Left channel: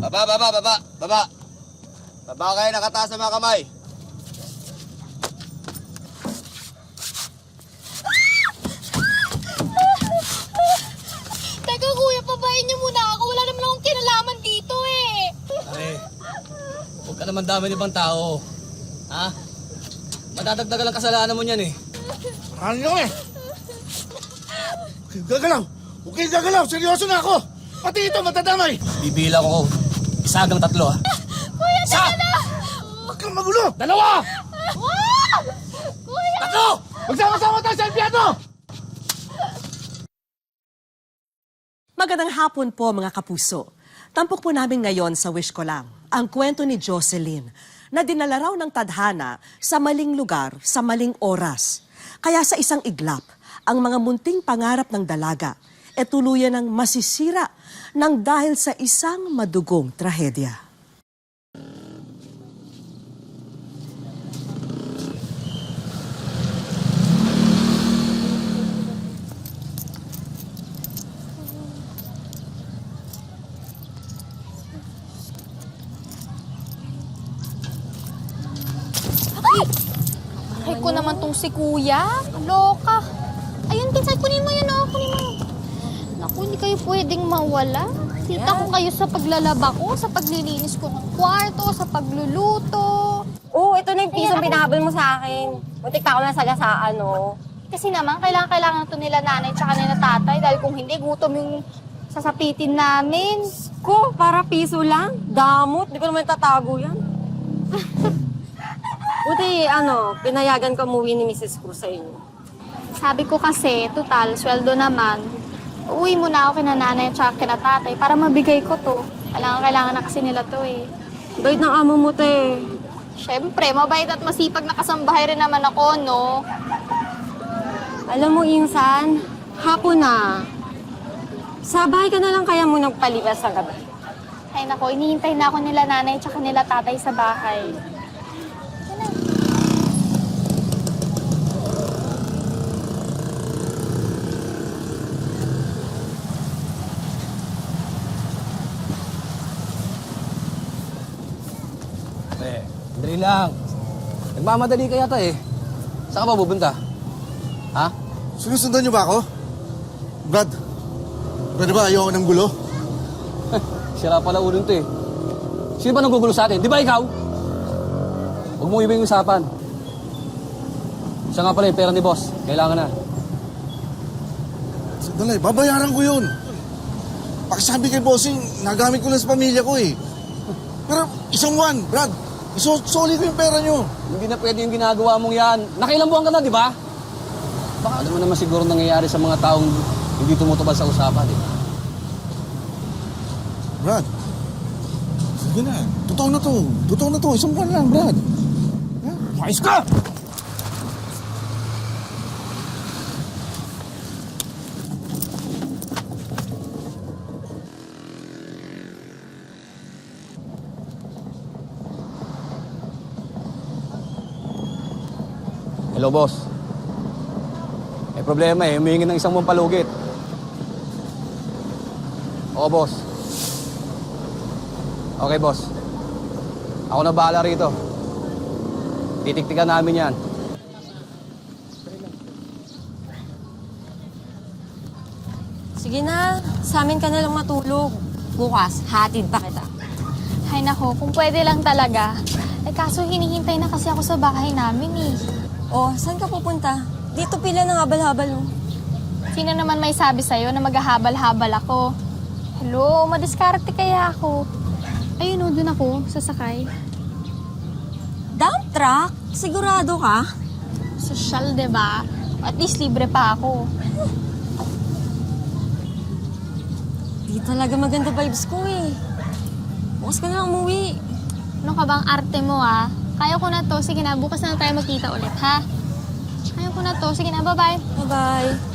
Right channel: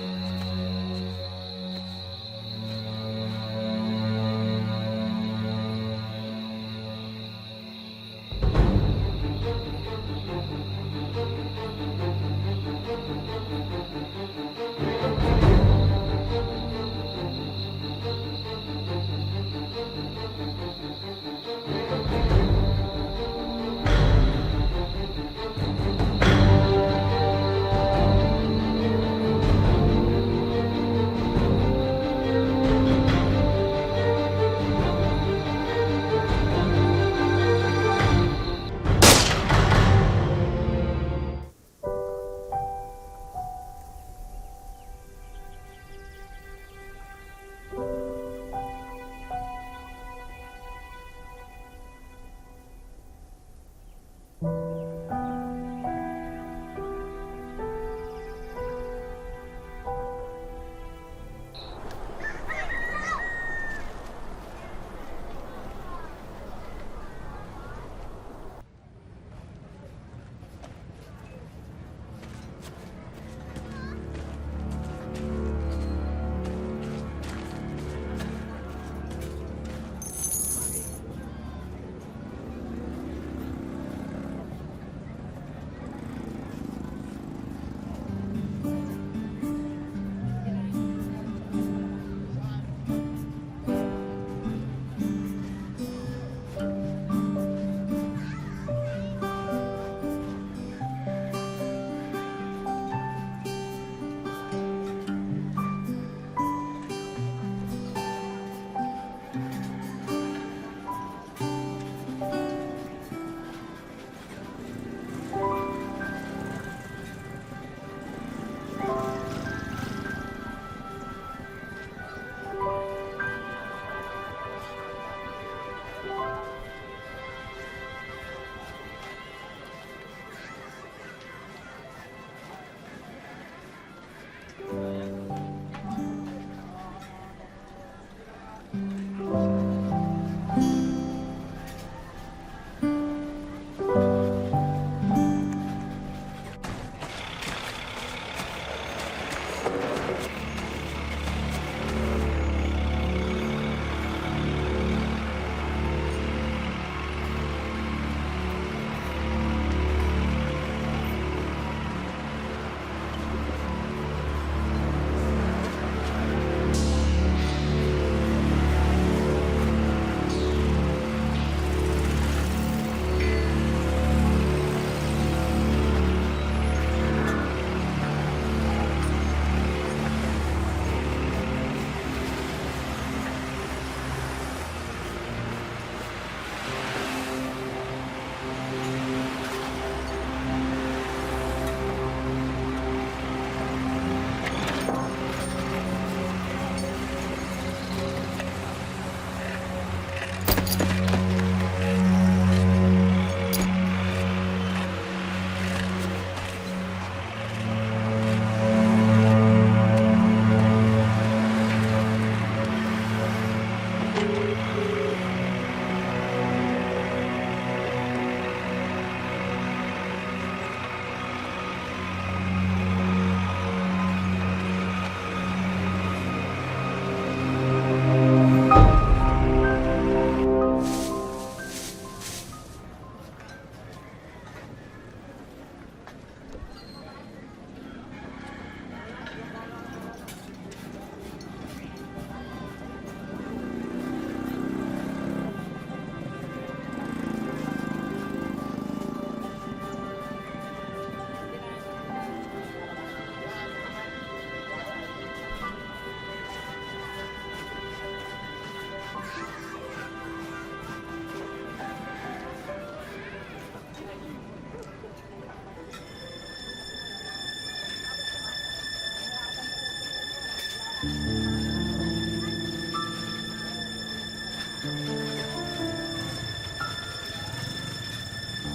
Baba, baba, baba, baba. Baba kayo nakataas sa mga kamay. Teka kuya, pabayin niyo muna ako. Wala naman akong kinalaman dito eh. Huwag ka naman dami ibang tao. Ha? Matatagdagan ang kasalanan mo niyan eh. Ano eh? Gagalaw! Gagalaw! Seryoso na ako! Pati ito matadamay! Bibilang ko. Isa hanggang 3 ha. Kuya, teka na! Huwag kang magulo! 2! Ah! Kuya! 3! Magsama-sama tayo sa impyerno! Magandang hapon po mga kapuso. Tampok po namin ngayon sa Wish Ko Lang ang kwento ni Jocelyn na dinala raw ng tadhana sa maling lugar sa maling oras. Kaya sa isang iglap, ang mga munting pangarap ng dalaga e tuluyan ng masisira ng dahil sa isang madugong trahedya. Ay ko naman tong si kuya. Loka. Ayun, Pinsay, kunin mo yun, oh. Kunin mo. Naku, hindi kayo pwedeng mawala. Kita ko kayo sa paglalaba ko, sa paglilinis ko ng kwarto, sa pagluluto. Oo, ito na yung pisong pinahabol mo sa akin. Butik pa ako nasagasaan, no? Kasi naman, kailangan to nila nanay tsaka nila tatay dahil kung hindi, gutom yung sasapitin namin. Ko, para piso lang? Damot, di ko naman tatago yan. Buti, pinayagan ko umuwi ni Mrs. ko sa inyo. Sabi ko kasi, total, sweldo naman. Uwi muna ako kina nanay at saka kina tatay para mabigay ko to. Kailangan na kasi nila to eh. Bait ng amo mo, te. Siyempre, mabait at masipag na kasambahay rin naman ako, no? Alam mo, Insan, hapon na. Sa bahay ka na lang kaya mo nagpalibas sa gabi. Ay nako, inihintay na ako nila nanay at saka nila tatay sa bahay. Dali lang. Nagmamadali ka yata eh. Saan ka ba pupunta? Ha? Sinusundan niyo ba ako? Brad, pwede ba ayoko ng gulo? Sira pala ulo nito eh. Sino ba nanggugulo sa atin? Di ba ikaw? Huwag mong ibig usapan. Siya nga pala yung pera ni boss. Kailangan na. Sandali, babayaran ko yun. Pakisabi kay bossing, nagamit ko lang sa pamilya ko eh. Pero isang buwan, Brad, solid ko yung pera niyo. Hindi na pwede yung ginagawa mong yan. Nakailang buwan ka na, di ba? Baka naman siguro nangyayari sa mga taong hindi tumutupad sa usapan. Brad, sige na. Totoo na to. Totoo na to. Isang buwan lang, Brad. Ayos ka! Hello, boss. May problema eh. Humihingi ng isang buong palugit. Oo, boss. Okay, boss. Ako na bahala rito. Titiktikan namin yan. Sige na, sa amin ka na lang matulog. Bukas, hatid pa kita. Ay nako, kung pwede lang talaga. Eh kaso hinihintay na kasi ako sa bahay namin eh. Oh, saan ka pupunta? Dito pila ng habal-habal mo. Sino naman may sabi sa'yo na maghahabal-habal ako? Hello, madiskarte kaya ako. Ayun o, din ako, sasakay. Dump truck? Sigurado ka? Sosyal, diba? At least libre pa ako. Di talaga maganda vibes ko eh. Bukas ka na lang umuwi. Ano ka bang arte mo, ah? Kaya ko na to. Sige na, bukas na tayo magkita ulit, ha? Kaya ko na to. Sige na, bye-bye. Bye-bye.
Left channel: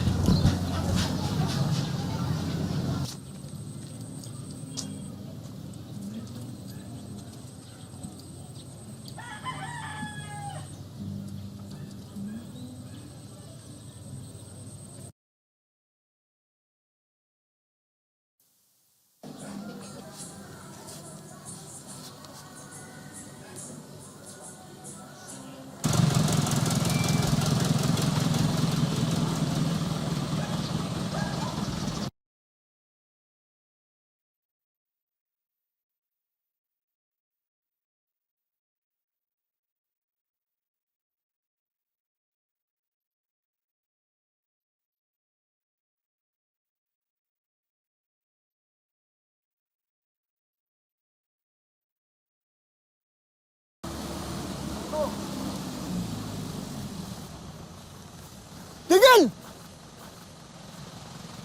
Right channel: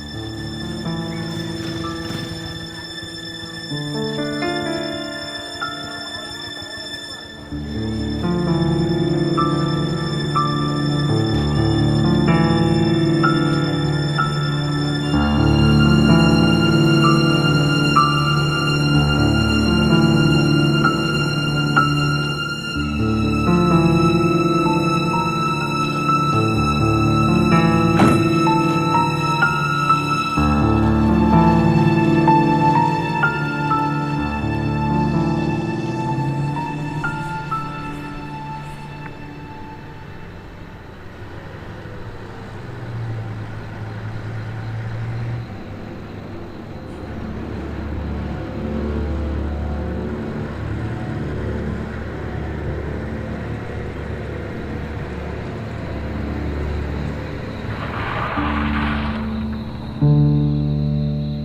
Tigil!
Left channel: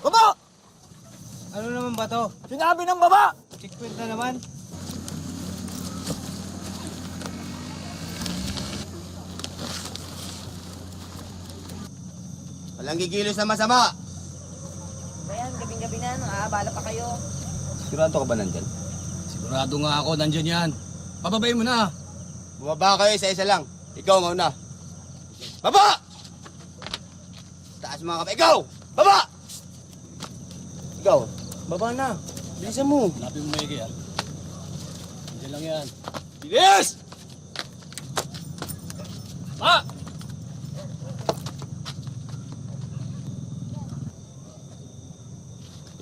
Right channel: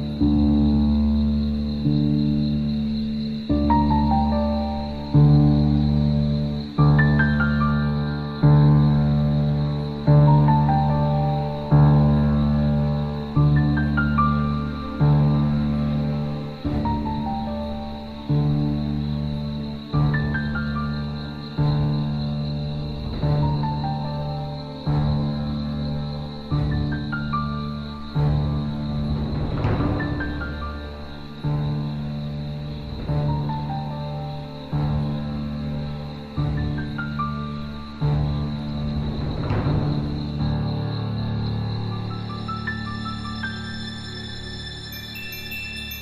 Baba! Ano naman ba to? Sinabi ng baba! Ano naman? Walang gigilos na masama. Sigurado ka ba nandyan? Sigurado nga ako, nandyan yan. Pababayin mo na. Bumaba kayo isa-isa lang. Ikaw mauna. Baba! Taas mga kamay. Ikaw! Baba! Ikaw, baba na. Bilisan mo. Sabi mo maigi yan. Yan lang yan. Yes! Ah!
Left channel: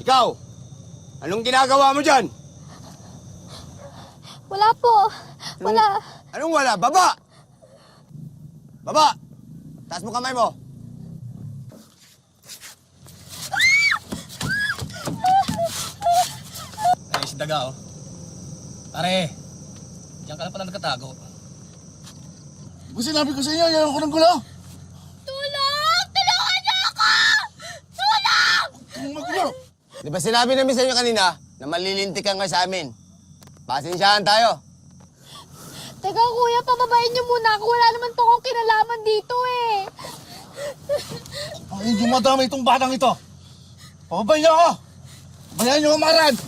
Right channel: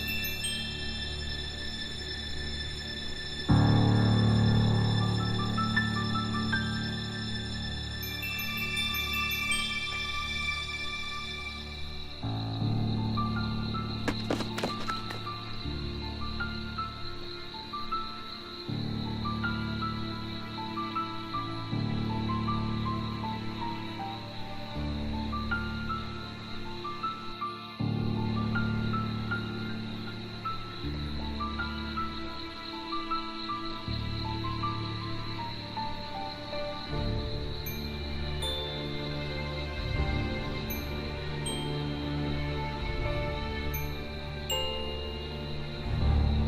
Ikaw! Anong ginagawa mo dyan? Wala po. Wala. Anong wala? Baba! Baba! Taas mo kamay mo. Ay, si Daga, oh. Pare, diyan ka na pala nakatago. Yung sinabi ko sa inyo, yan ako ng gulo. Tulong! Tulungan niyo ako! Tulong! Maggulo! Di ba sinabi namin sa inyo kanina na malilintik ka nga sa amin? Pasensyahan tayo. Teka kuya, pababayin niyo muna ako. Wala naman po akong kinalaman dito eh. Ang dumadama itong batang ito. Pababay niyo ako! Bayan niyo umarad!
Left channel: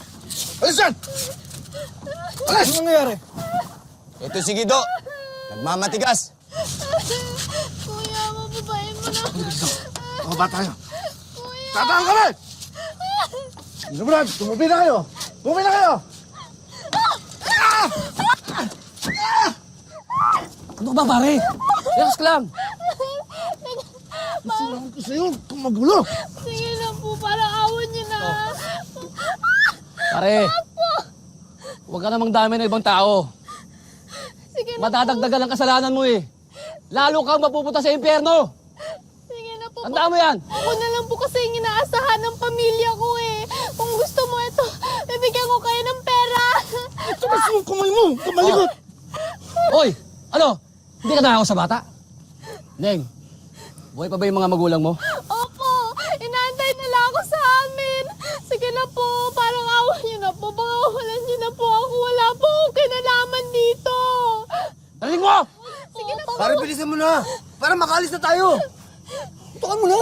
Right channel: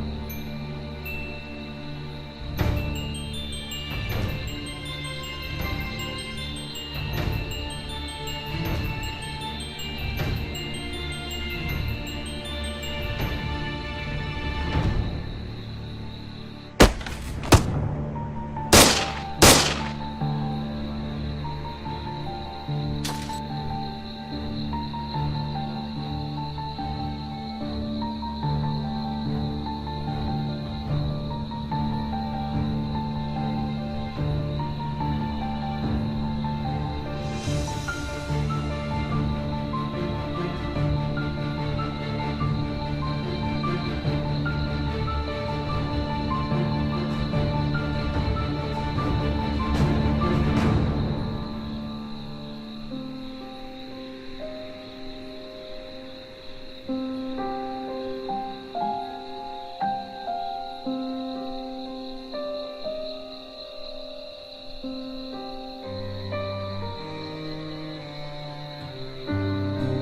Alis yan! Alis! Ano nangyari? Ito si Gido. Nagmamatigas. Kuya, pababayin mo na. Baba tayo. Tatawag kami! Brad, tumabi na kayo! Tumabi na kayo! Ano ba, pare? Relax lang. Gusto yun, kung magulo! Sige na po, parang awan niyo na. Pare, huwag ka namang dami ng ibang tao. Sige na, Matatagdagan ang kasalanan mo eh. Lalo kang mapupunta sa impyerno. sige na po. Tandaan mo yan. Ako na lang po kasi yung inaasahan ng pamilya ko eh. Kung gusto mo ito, bibigyan ko kayo ng pera. Tapos yung kamay mo! Kumalikot! Hoy, ano? Hindi ka nakakaw sa bata? Neng, buhay pa ba yung mga magulang mo? Opo, inaantay nila ako sa amin. Sige na po, parang awan niyo na po. Pangawalan niyo na po ako. Wala po akong kinalaman dito. Taling mo! Sige na po. Para bilisan mo na. Para makalis na tayo. Tukan mo na!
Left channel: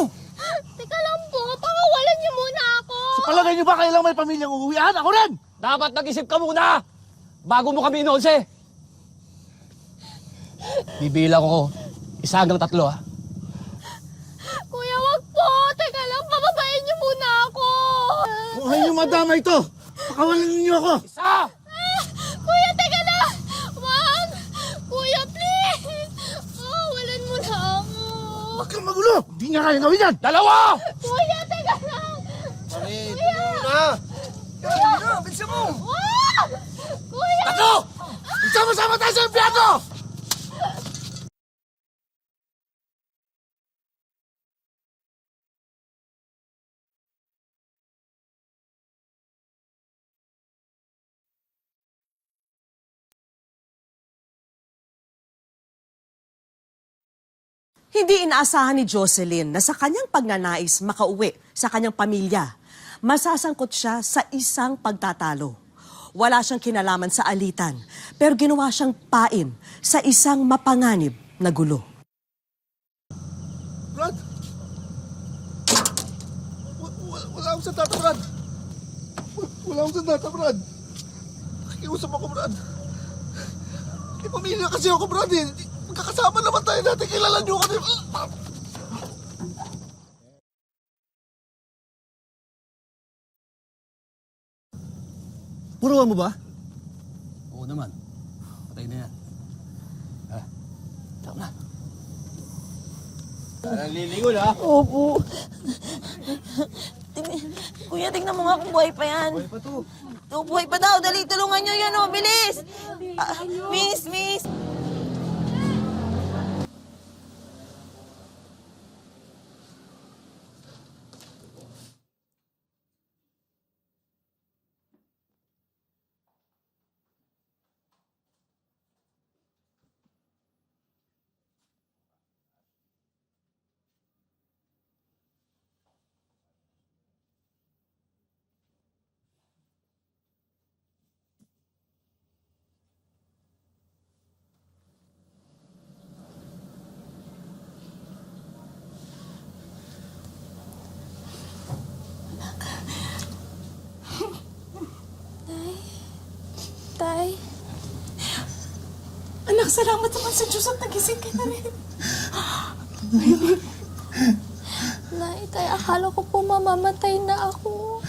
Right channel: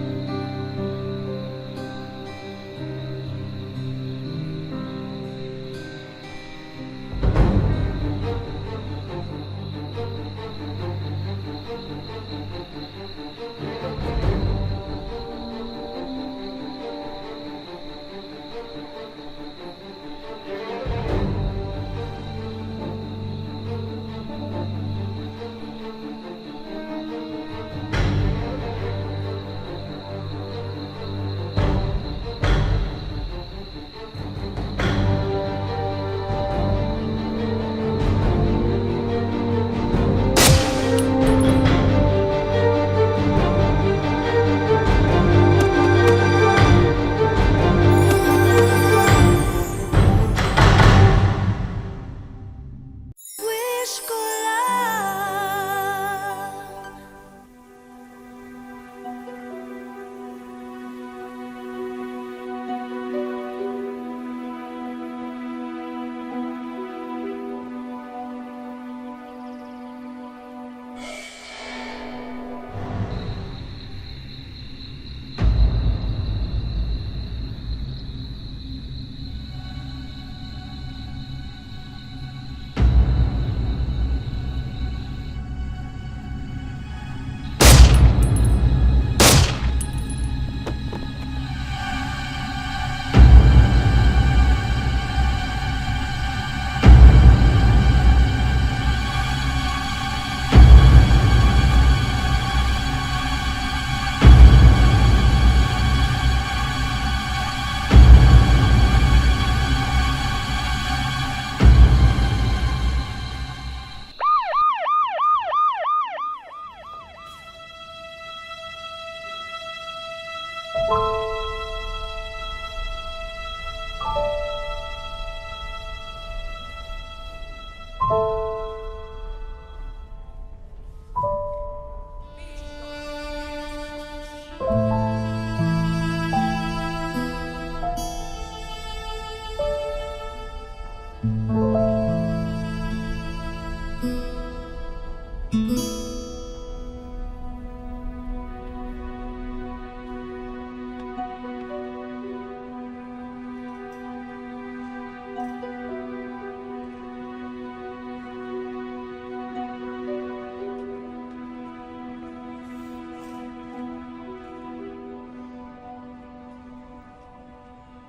Teka lang po, pangawalan niyo muna ako. Palagay niyo ba kailang may pamilyang uuwian? Ako rin! Dapat nag-isip ka muna! Bago mo kami inonse! Bibila ko 1 hanggang 3, ah. Kuya, wag po. Teka lang, pababayin niyo muna ako. Kung ayaw niyo madama ito, pakawalan niyo ako! Ah! Kuya, teka lang. Wag. Kuya, please. Pawalan mo na ako. Huwag kang magulo! Hindi niya kaya gawin yan! Dalawa! Kuya, teka lang. Kuya. Na! Kuya. Kuya. Kuya. Ano? Sama-sama tayo sa impyerno! Hindi inaasahan ni Jocelyn na sa kanyang pagnanais makauwi sa kanyang pamilya, masasangkot siya sa isang pagtatalo. Wala siyang kinalaman sa alitan, pero ginawa siyang pain sa isang mapanganib na gulo. Brad! Wala akong sandata, Brad! Wala akong sandata, Brad! Nakiusap ako, Brad! May pamilya kasi ako, Brad, eh! Magkakasama naman tayo dati, kilala niyo ako! Buruan mo ba? Tingnan mo nga kung buhay pa yan. Kung buhay pa daw, dali, tulungan nyo yan, oh, bilis! Miss, miss! Salamat naman sa Diyos at nagising ka na rin. Nay, tay, akala ko po mamamatay na ako.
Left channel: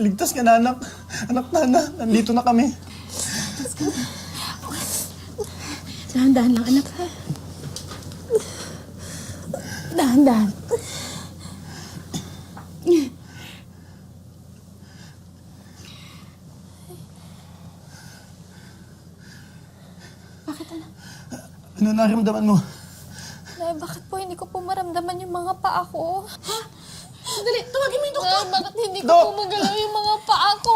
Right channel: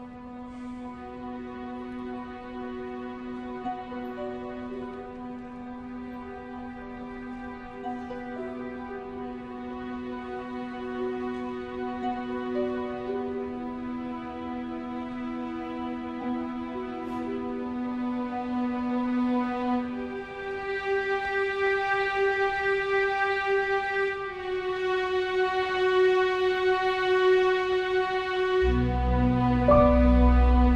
Ligtas ka na, anak. Anak na, nandito na kami. Dahan-dahan lang, anak. Dahan-dahan. Ano naramdaman mo? Nay, bakit po hindi ko po maramdaman yung mga paa ko? Dali, tawagin mo yung doktor. Bakit hindi ko po magalaw yung mga paa ko?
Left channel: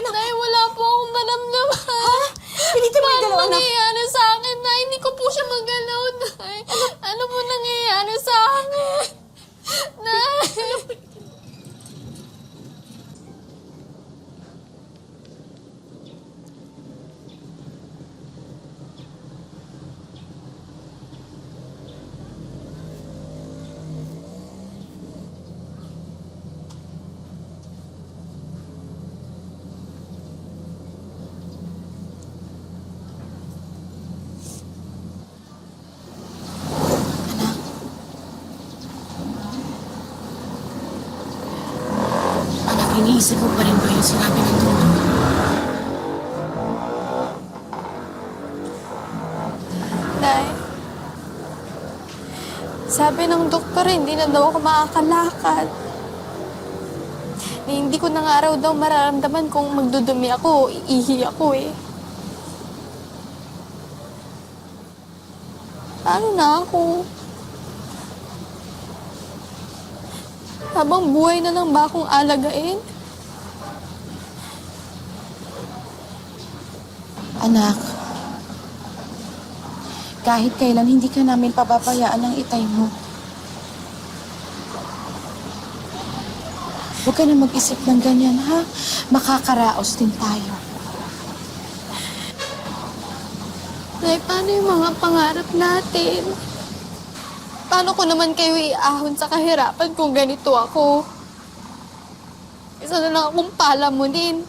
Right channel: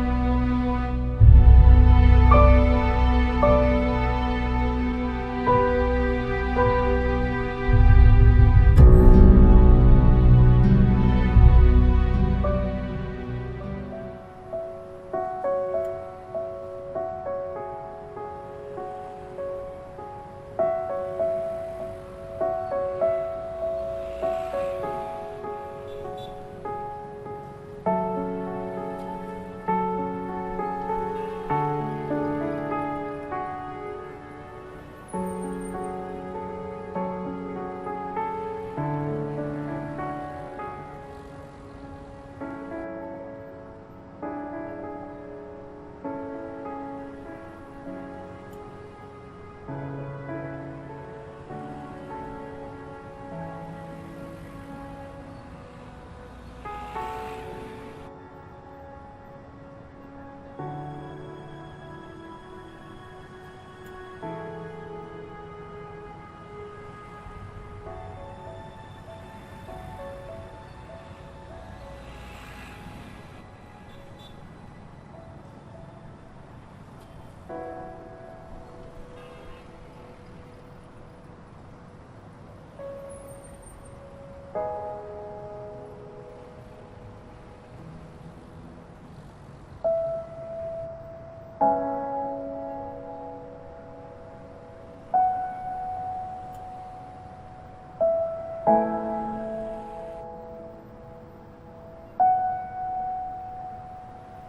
Nay, wala po akong maramdaman. Piniti mo yung dalawa. Ano nangyayari sa akin, Nay? Hindi ko po siya magalaw, Nay. Ano po nangyayari sa akin? Nay! Anak, iniisip mo pa rin ba yung sinabi ng doktor? Nay, sabi ng doktor, hindi na daw ako makakalakad. Hindi ko na nga raw daw mararamdaman kung magdudumi ako o iihi ako eh. Paano na ako? Habang buhay na lang ba akong alagain? Anak, kahit kailan hindi ka namin pababayaan ng itay mo. Huwag ka na mag-isip ng ganyan, ha? Makakaraos din tayo. Nay, paano yung mga pangarap natin? Paano ko naman kayo iahon sa kahirapan kung ganito ako? Isa na lang akong palamunin.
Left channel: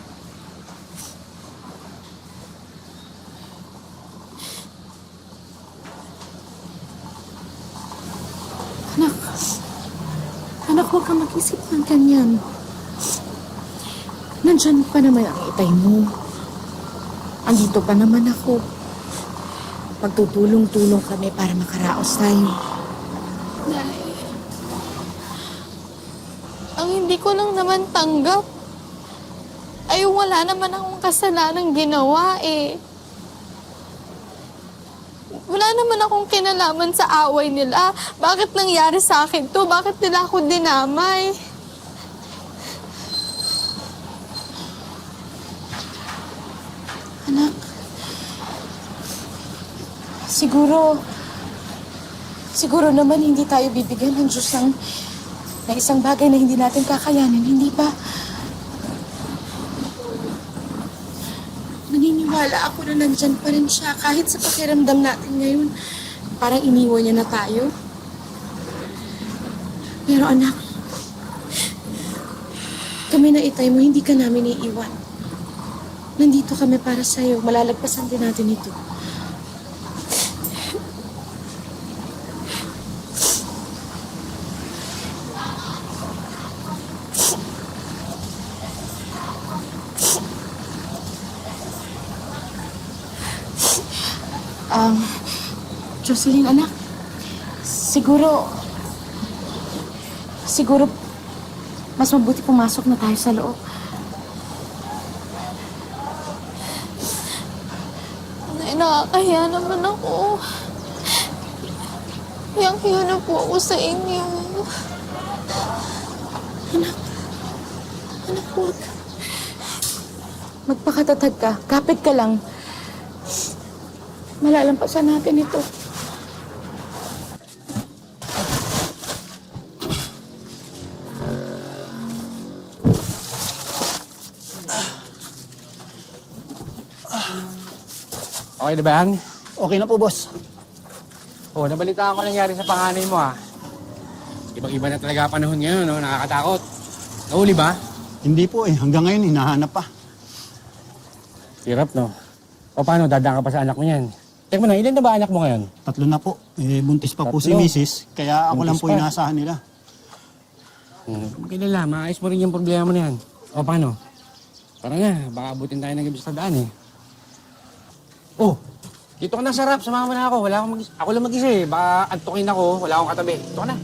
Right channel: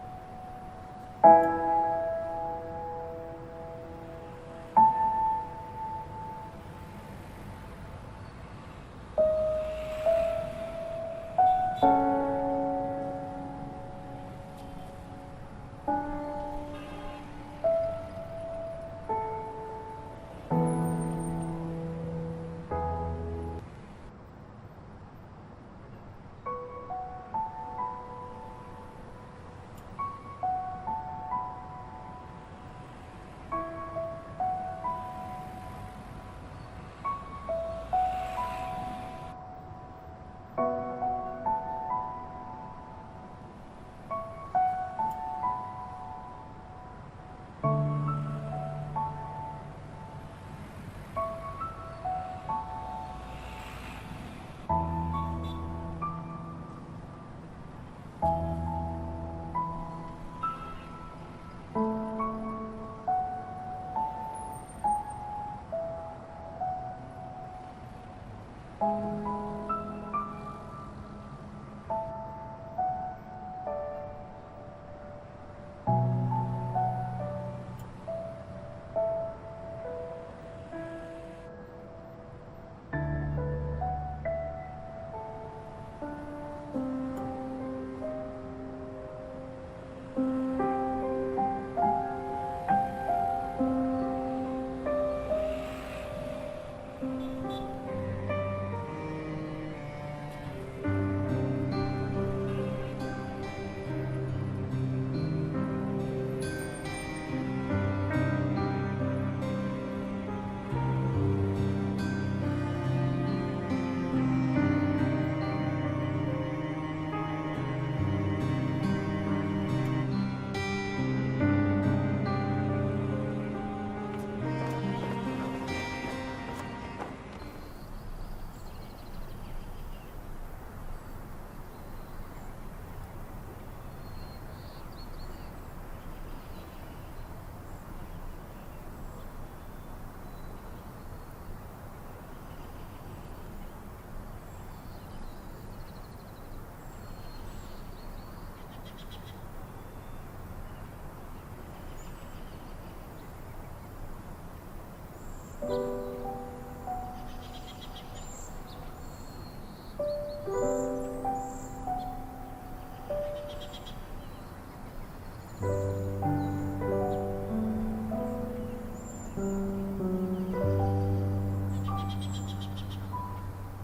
Anak, huwag ka mag-isip ng ganyan. Nandyan pa naman ang itay mo. Andito pa naman ako. Magtutulong-tulong kami para makaraos tayo. Nay, ang hindi ko lang naman tanggap ay wala naman akong kasalanang ginawa eh. Wala naman akong kinalaman sa away nila. Bakit nangyari sa akin to? Bakit nila ako dinamay? Anak, siguro naman hindi tayo bibigyan ng Diyos ng isang bagay na hindi natin kakayanin, hindi ba? Naniniwala ako na nandyan pa rin siya kahit sa pakiramdam natin ngayon. Parang iniwan niya na tayo. Pero anak, kami na itay mo, hindi ka namin iiwan. Nandito kami para sa'yo. Malalagpasan din natin ito. Jocelyn, anak, siguro mas mabuti pumasok na tayo sa loob. Nay, nakakahiya naman ako. Hiyang-hiya na po ako sa inyo. Anak, huwag. Magpakatatag ka. Kapit ka lang. Malalampasan natin ito. Okay na ba yan? Okay na po, boss. Oh, nabalitaan ko nangyari sa panganay mo ha. Ibang-iba na talaga panahon ngayon, no? Nakakatakot. Nahuli ba? Hindi po eh. Hanggang ngayon, hinahanap pa. Hirap, no? O paano, dadaan ka pa sa anak mo yan? Teka na, ilan na ba anak mo ngayon? 3 na po. Buntis pa po si Tatlo. Mrs. Kaya ako lang Buntis po pa. inaasahan nila. Kailan maayos mo rin yung problema mo na yan. O paano? Para na, baka abutin tayo ng gabi sa daan eh. Oh, dito ka na sa rap, sumama na ako. Ako lang mag-isa eh. Baka antukin ako, wala akong katabi. Dito ka na.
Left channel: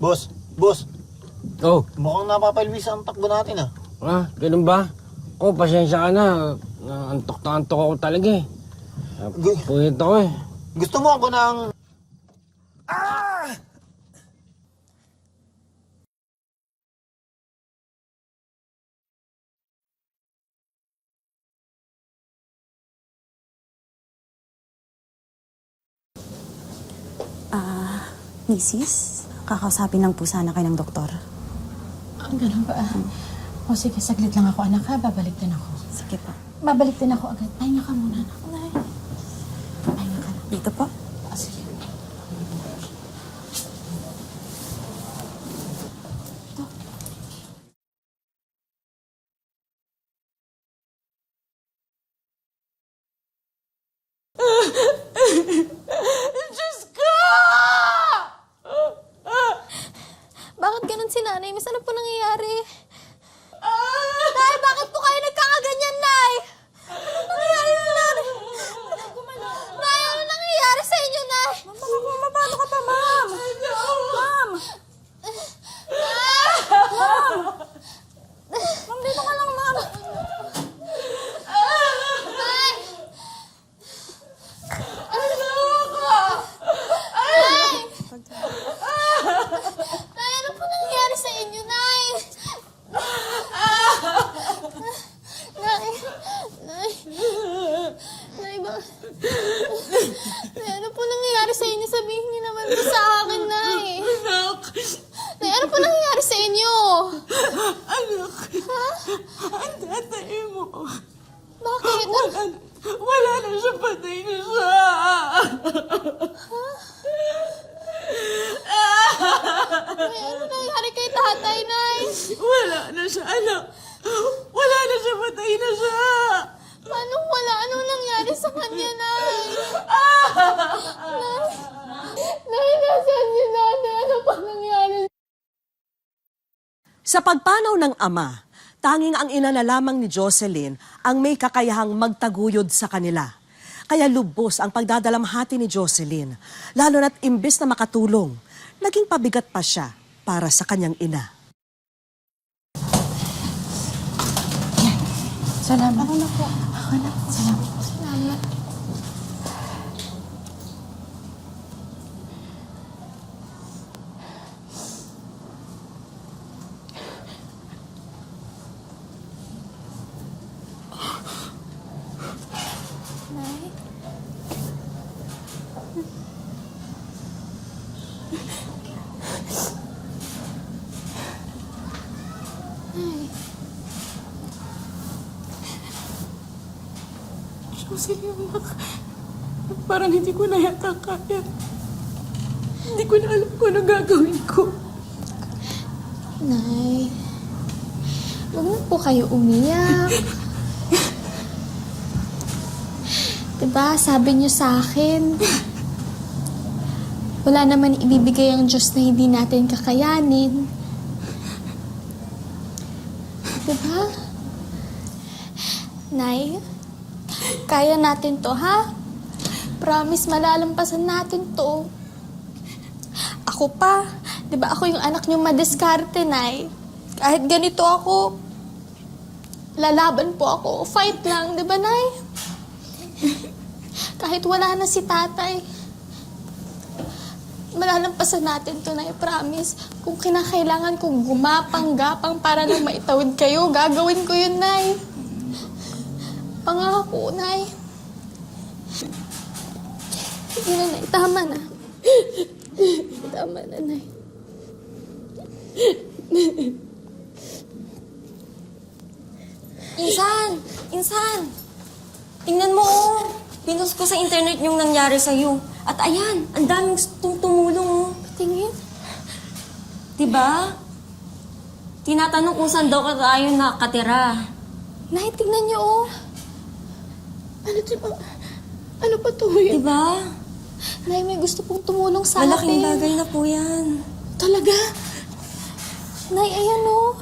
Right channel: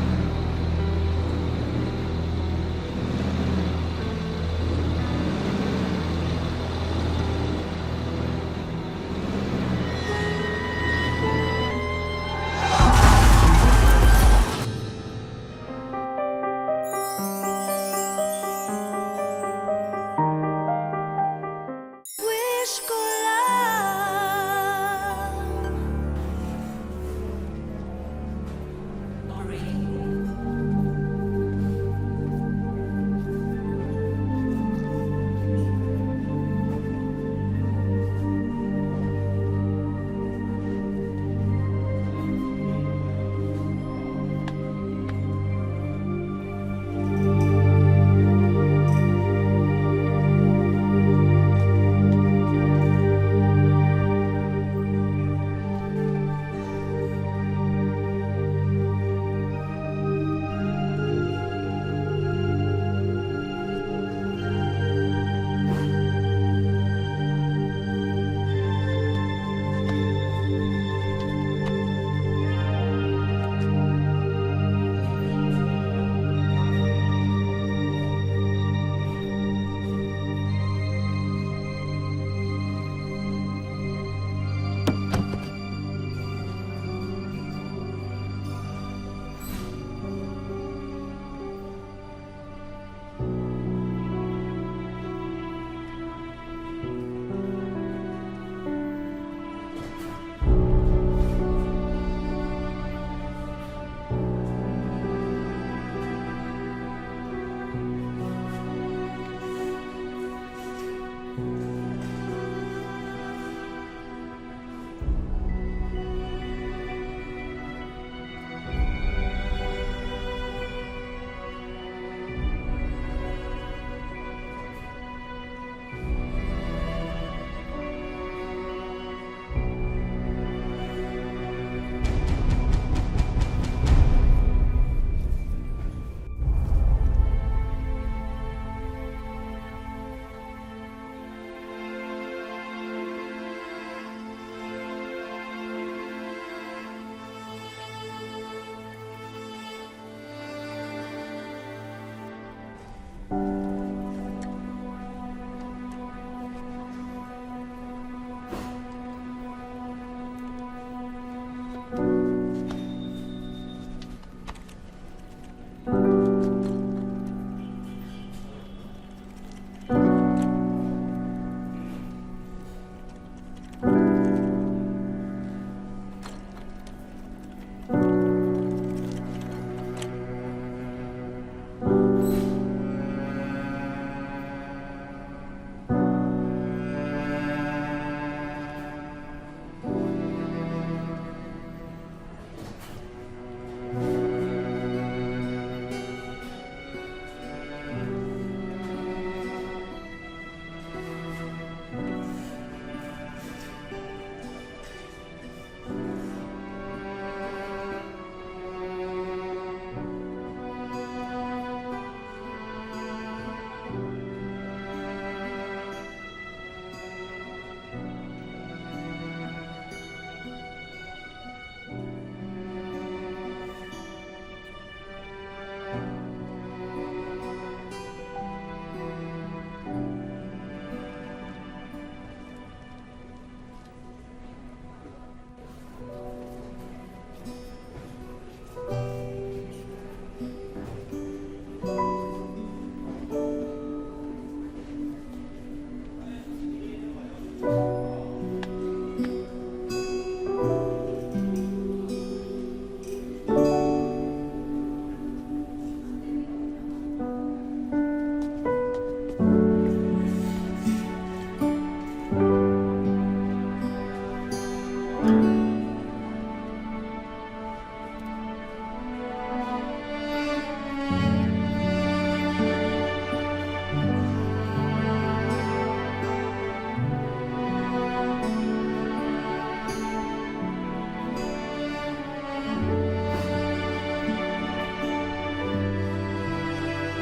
Boss, Oh, mukhang napapalwis ang takbo natin ah. ganun ba? Oh, pasensya ka na. Antok na antok ako talaga eh. Ito ko eh. Gusto mo ako ng... Mrs., kakausapin lang po sana kayo ng doktor. Ganun ba? O sige, saglit lang ako, anak ha. Babalik din ako. Sige po. Babalik din ako agad. Ay, naka muna, anak. Dito po. Sige. Bakit ganun si nanay? Miss, ano po nangyayari? Nay, bakit po kayo nagkakaganyan, Nay? Ano nangyayari sa nanay? Nay, ano nangyayari sa inyo, Nay? Paano ka ba, Ma'am? Ma'am! Ma'am! Ma'am, dito ka lang, Ma'am. Nay! Nay! Nay, ano po nangyayari sa inyo, Nay? Nay! Nay! Nay, ba? Nay, ano po nangyayari sa inyo? Sabihin niyo naman po sa akin, Nay. Nay, ano po nangyayari sa inyo? Anak, Ha? ang tatay mo. Bakit? Wala na siya, patay na siya. Nay, ano nangyayari kay tatay, Nay? Wala na siya, anak. Wala na siya, patay na siya. Paano wala? Anong nangyari sa kanya, Nay? Nay, nasaan si nanay? Ano pa nangyari? Sa pagpanaw ng ama, tanging ang ina na lamang ni Jocelyn ang may kakayahang magtaguyod sa kanila. Kaya lubos ang pagdadalamhati ni Jocelyn, lalo na't imbes na makatulong, naging pabigat pa siya para sa kanyang ina. Salamat. Ako na po. Ako na. Salamat. Salamat. Parang hindi ko na yata kaya. Hindi ko na alam kung ano gagawin ko. Nay, huwag mo po kayo umiyak. Diba, sabi niyo sa akin, wala naman ibibigay ang Diyos na hindi natin kakayanin. Diba? Nay, kaya natin to, ha? Promise, malalampasan natin to. Ako pa, di ba ako yung anak niyong madiskarte, Nay? Kahit ganito ako, lalaban po ako. Fight lang, di ba, Nay? Kahit wala na si tatay, malalampasan natin to, Nay. Promise. Kung kinakailangan kong gumapang-gapang para lang maitawid kayo, gagawin ko yun, Nay. Pangako, Nay. Sige na, Nay. Tama na. Tama na, Nay. Insan! Tingnan mo, oh. Pinost ko sa internet yung nangyari sa'yo. At ayan, ang daming tumulong, oh. Tingin. Diba? Tinatanong kung saan daw ka tayo nakatira. Nay, tingnan niyo, oh. Ano to ba? Ano ba to? Diba? Nay, may gusto pong tumulong sa Malaking akin. bagay na po yan. Talaga? Nay, ayun, oh.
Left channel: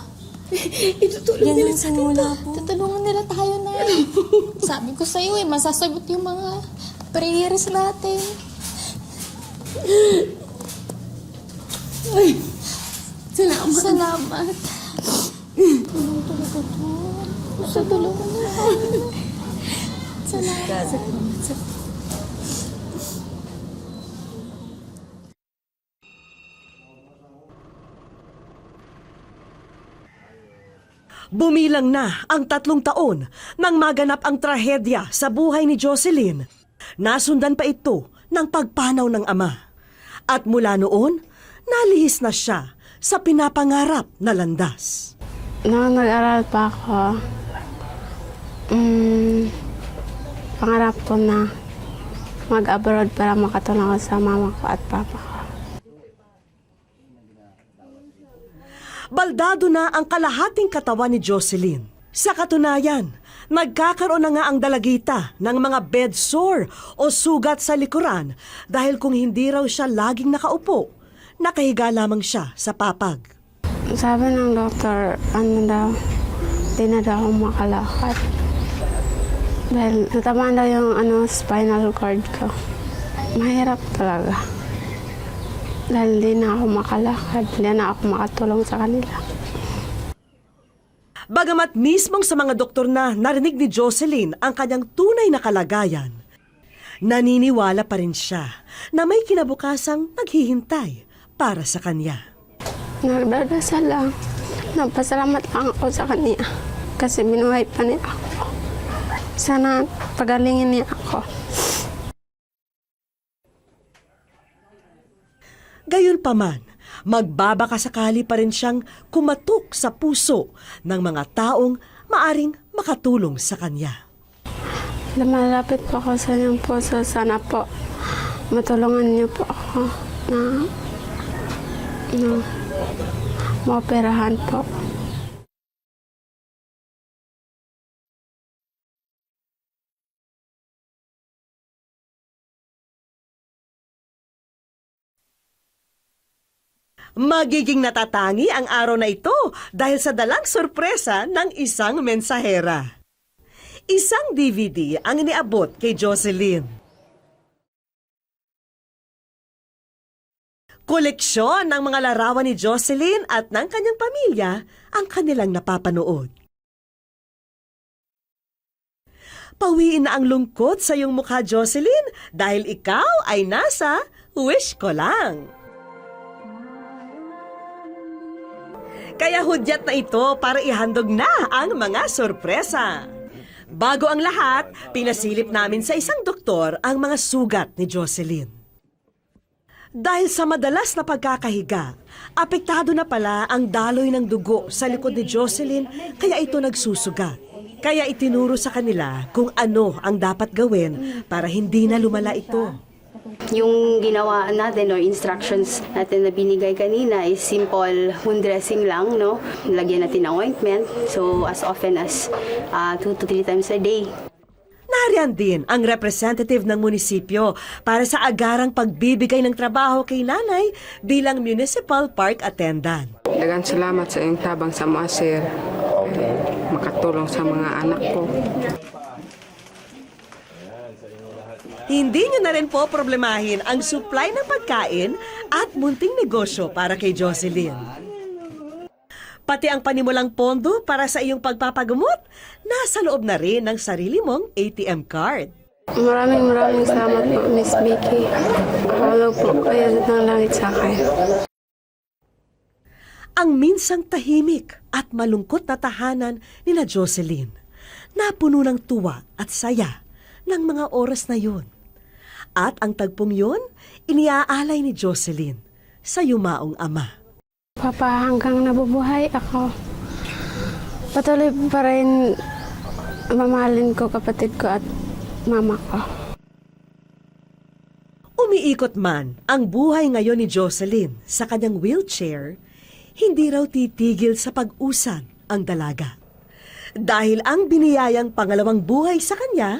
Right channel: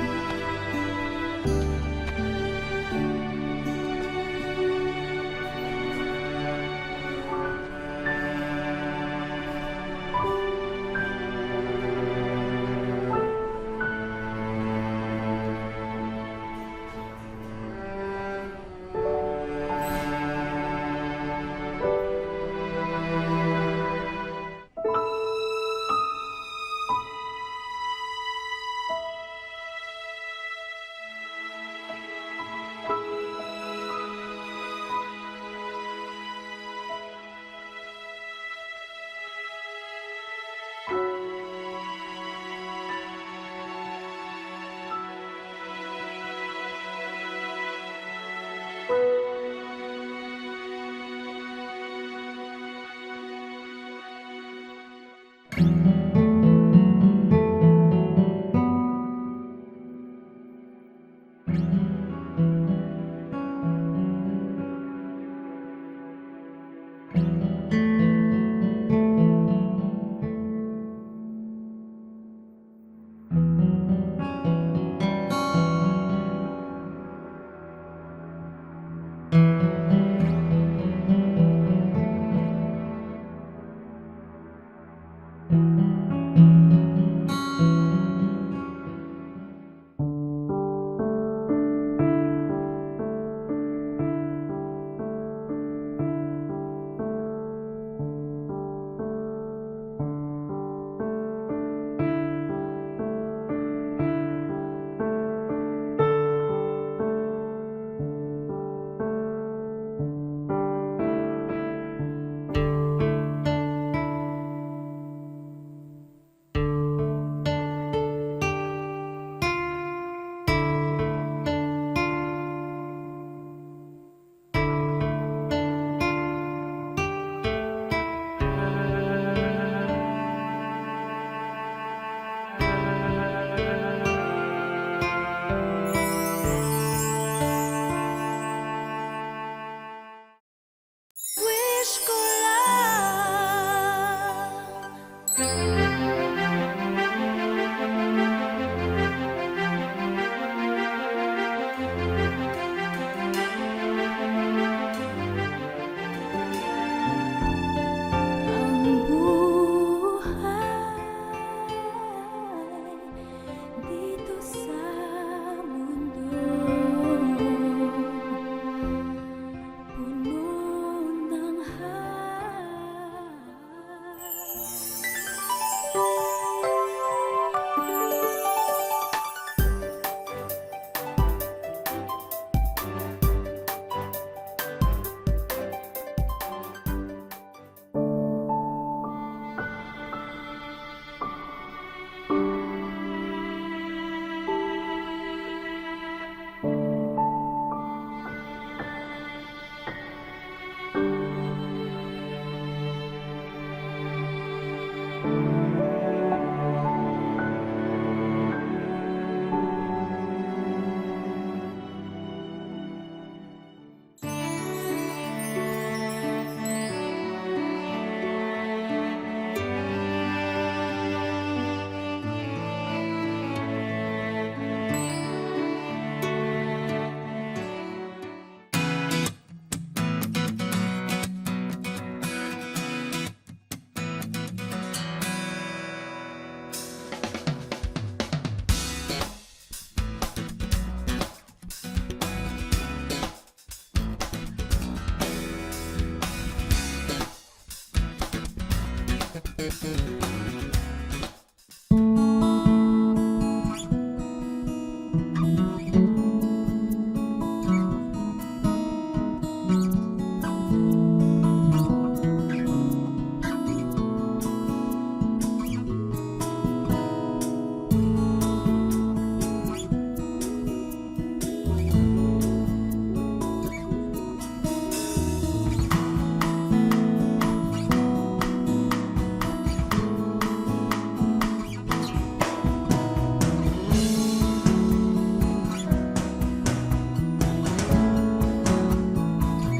Itutulong nila sa muna. Tutulungan nila tayo na. Sabi ko sa'yo eh, masasagot yung mga prayers natin. Ay, salamat. Salamat. Sa tulong mo. Salamat. Bumilang na ang 3 taon nang maganap ang trahedya sa buhay ni Jocelyn. Nasundan pa ito ng pagpanaw ng ama. At mula noon, nalihis na siya sa pinapangarap na landas. Noong nag-aral pa ako, pangarap ko na mag-abroad para makatulong ako sa mama ko at papa ko. Baldado na ang kalahating katawan ni Jocelyn. Sa katunayan, nagkakaroon na nga ang dalagita ng mga bed sore o sugat sa likuran dahil kung hindi raw siya laging nakaupo, nakahiga lamang siya sa papag. Sabi ng doktor, di na daw ako makalakad. Dahil natamaan daw yung spinal cord ko. Mahirap talaga. Dahil hindi na ako makalakad, hindi na ako makatulong sa kanila. Bagamat mismong sa mga doktor na narinig ni Jocelyn ang kanyang tunay na kalagayan, naniniwala pa rin siya na may kinabukasang naghihintay para sa kanya. Nagdadasal lang. Nagpasalamat lang ako sa kanya kasi binuhay pa niya ako. Sana pagalingin niya ako. Gayunpaman, magbabakasakali pa rin siyang kumatok sa puso ng mga taong maaring makatulong sa kanya. Lumalapit po ako sa inyong puso. Sana po matulungan niyo po ako na maoperahan po. Magiging natatangi ang araw na ito dahil sa dalang sorpresa ng isang mensahera. Isang DVD ang iniabot kay Jocelyn. Koleksyon ng mga larawan ni Jocelyn at ng kanyang pamilya ang kanilang napapanood. Pawiin na ang lungkot sa iyong mukha, Jocelyn, dahil ikaw ay nasa Wish Ko Lang. Kaya hudyat na ito para ihandog na ang mga sorpresa. Bago ang lahat, pinasilip namin sa isang doktor ang mga sugat ni Jocelyn. Dahil sa madalas na pagkakahiga, apektado na pala ang daloy ng dugo sa likod ni Jocelyn kaya ito nagsusugat. Kaya itinuro sa kanila kung ano ang dapat gawin para hindi na lumala ito. Yung ginawa natin or instructions natin na binigay kanina is simple wound dressing lang, no? Lagyan natin ng ointment. So, as often as 2 to 3 times a day. Nariyan din ang representative ng munisipyo para sa agarang pagbibigay ng trabaho kay nanay bilang municipal park attendant. Dagang salamat sa iyong tabang sa mga sir. Makatulong sa mga anak ko. Hindi niyo na rin po problemahin ang supply ng pagkain at munting negosyo para kay Jocelyn. Pati ang panimulang pondo para sa iyong pagpapagamot, nasa loob na rin ng sarili mong ATM card. Maraming salamat po, Miss Vicky. Wala po kayo ng langit sa akin. Ang minsang tahimik at malungkot na tahanan ni na Jocelyn, napuno ng tuwa at saya ng mga oras na yun. At ang tagpong yun, iniaalay ni Jocelyn sa yumaong ama. Papa, hanggang nabubuhay ako, patuloy pa rin mamahalin ko kapatid ko at mama ko. Umiikot man ang buhay ngayon ni Jocelyn sa kanyang wheelchair, hindi raw titigil sa pag-usap ang dalaga. Dahil ang biniyayang pangalawang buhay sa kanya,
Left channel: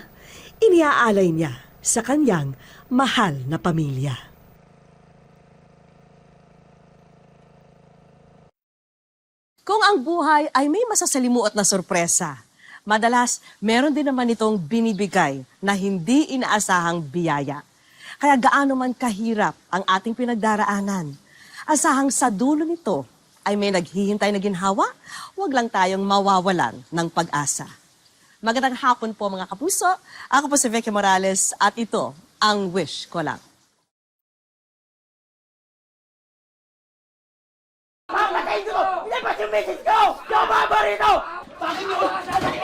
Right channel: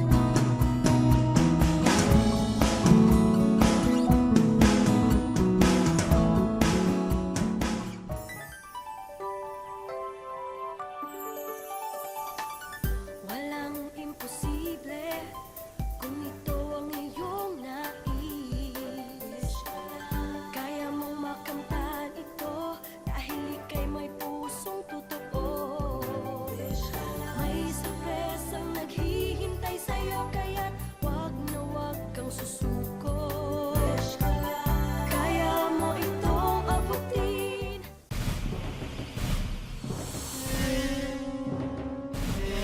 iniaalay niya sa kanyang mahal na pamilya. Kung ang buhay ay may masasalimuot na sorpresa, madalas meron din naman itong binibigay na hindi inaasahang biyaya. Kaya gaano man kahirap ang ating pinagdaraanan, asahang sa dulo nito ay may naghihintay na ginhawa, huwag lang tayong mawawalan ng pag-asa. Magandang hapon po mga kapuso. Ako po si Vicky Morales at ito ang Wish Ko Lang. Papatay ko! Ilabas yung message ko! Yung mga barito! Bakit nyo?